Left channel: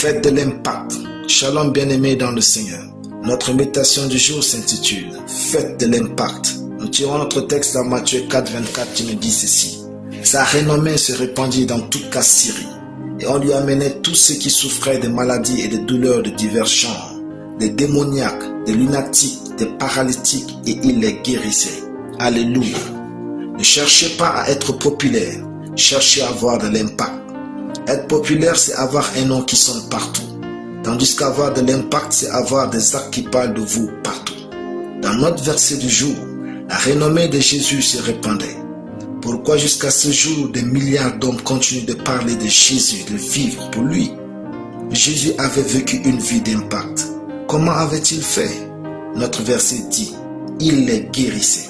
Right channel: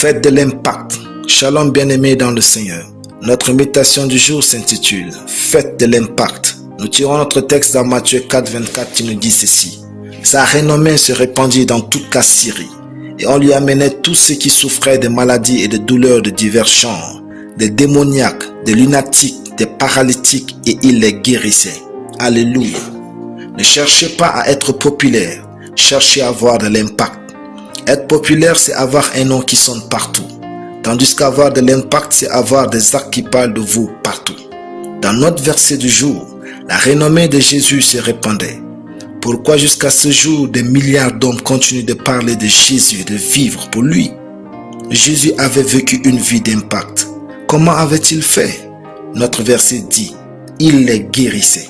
Faites de l'impact. Shalom bien-aimés dans le Seigneur. Notre méditation du jour s'intitule « Faites de l'impact ». Nous tirons notre texte dans Matthieu 4, 24 qui nous dit ceci. Sa renommée se répandit dans toute la Syrie, et on lui amenait tous ceux qui souffraient de maladies et de douleurs de divers genres, des démoniaques, des lunatiques, des paralytiques, et il les guérissait. Alléluia. Ne cherchez pas à être populaire, cherchez à avoir de l'impact. Être populaire, c'est avoir un nom qui sonne partout. Tandis qu'avoir de l'impact, c'est avoir des actes qui parlent de vous partout. Dans notre verset du jour, la renommée de Jésus se répandait. Pourquoi jusqu'à ce jour, des milliards d'hommes continuent de parler de Jésus, de vivre pour lui? Jésus avait vécu une vie d'impact. Comment avait-il fait? Notre verset dit, il les guérissait.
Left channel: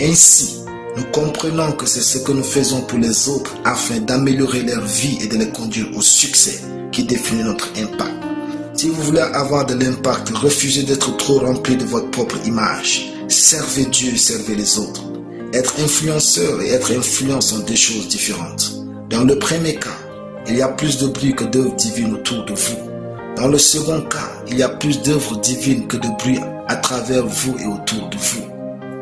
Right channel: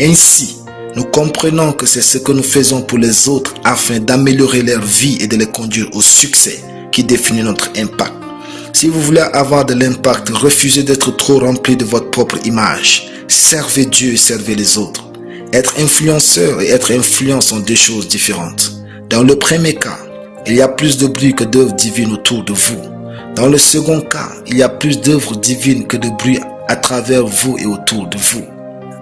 Ainsi, nous comprenons que c'est ce que nous faisons pour les autres afin d'améliorer leur vie et de les conduire au succès qui définit notre impact. Si vous voulez avoir de l'impact, refusez d'être trop rempli de votre propre image. Servez Dieu et servez les autres. Être influenceur et être influent sont deux choses différentes. Dans le premier cas, il y a plus de bruit que d'œuvres divines autour de vous. Dans le second cas, il y a plus d'œuvres divines que de bruit à travers vous et autour de vous.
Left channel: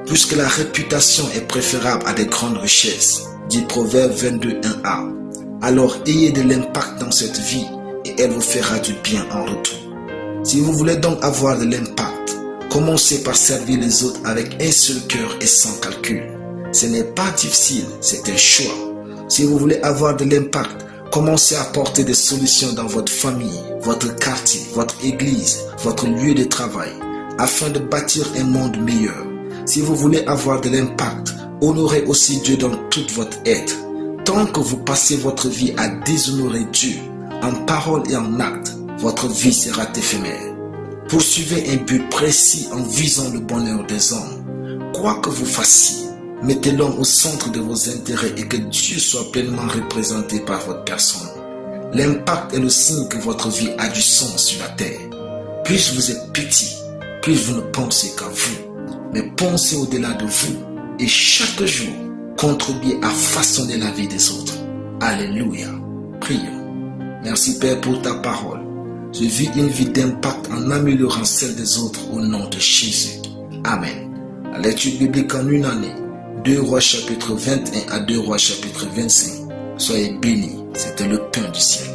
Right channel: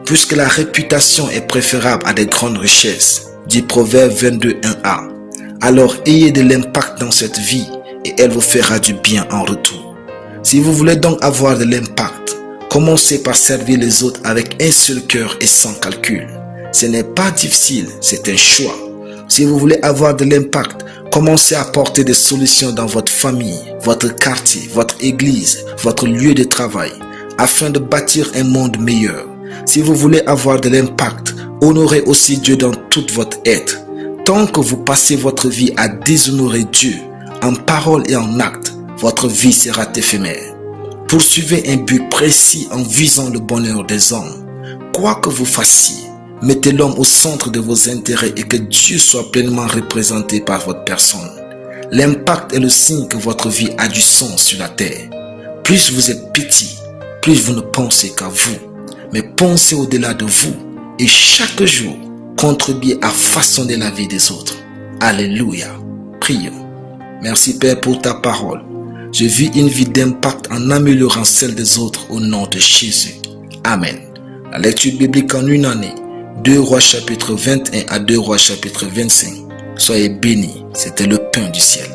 Puisque la réputation est préférable à des grandes richesses, dit Proverbe 22, 1a. Alors ayez de l'impact dans cette vie et elle vous fera du bien en retour. Si vous voulez donc avoir de l'impact, commencez par servir les autres avec un seul cœur et sans calcul. Ce n'est pas difficile, c'est un choix. Si vous voulez avoir de l'impact, commencez à apporter des solutions dans votre famille, votre quartier, votre église, votre lieu de travail, afin de bâtir un monde meilleur. Si vous voulez avoir de l'impact, honorez aussi Dieu dans toute votre être. Tant que vous passez votre vie à déshonorer Dieu, en parole et en acte, votre vie sera éphémère. Poursuivez un but précis en visant le bonheur des hommes. Quoi que vous fassiez, mettez l'homme au centre de vos intérêts et que Dieu soit pleinement représenté par votre personne. L'impact est le signe que votre vie a du sens sur la terre. Plus vous êtes petit, plus vous ne pensez qu'à vous. Mais pensez au-delà de vous et chaque jour, contribuez à façonner la vie des autres. Alléluia. Prions. Merci Père pour ta parole. Je vis une vie d'impact en améliorant celle des autres au nom de Jésus. Amen. La lecture biblique en une année. 2 Rois chapitre 21 à 2 Rois chapitre 25. Soyez bénis. C'était le pain du ciel.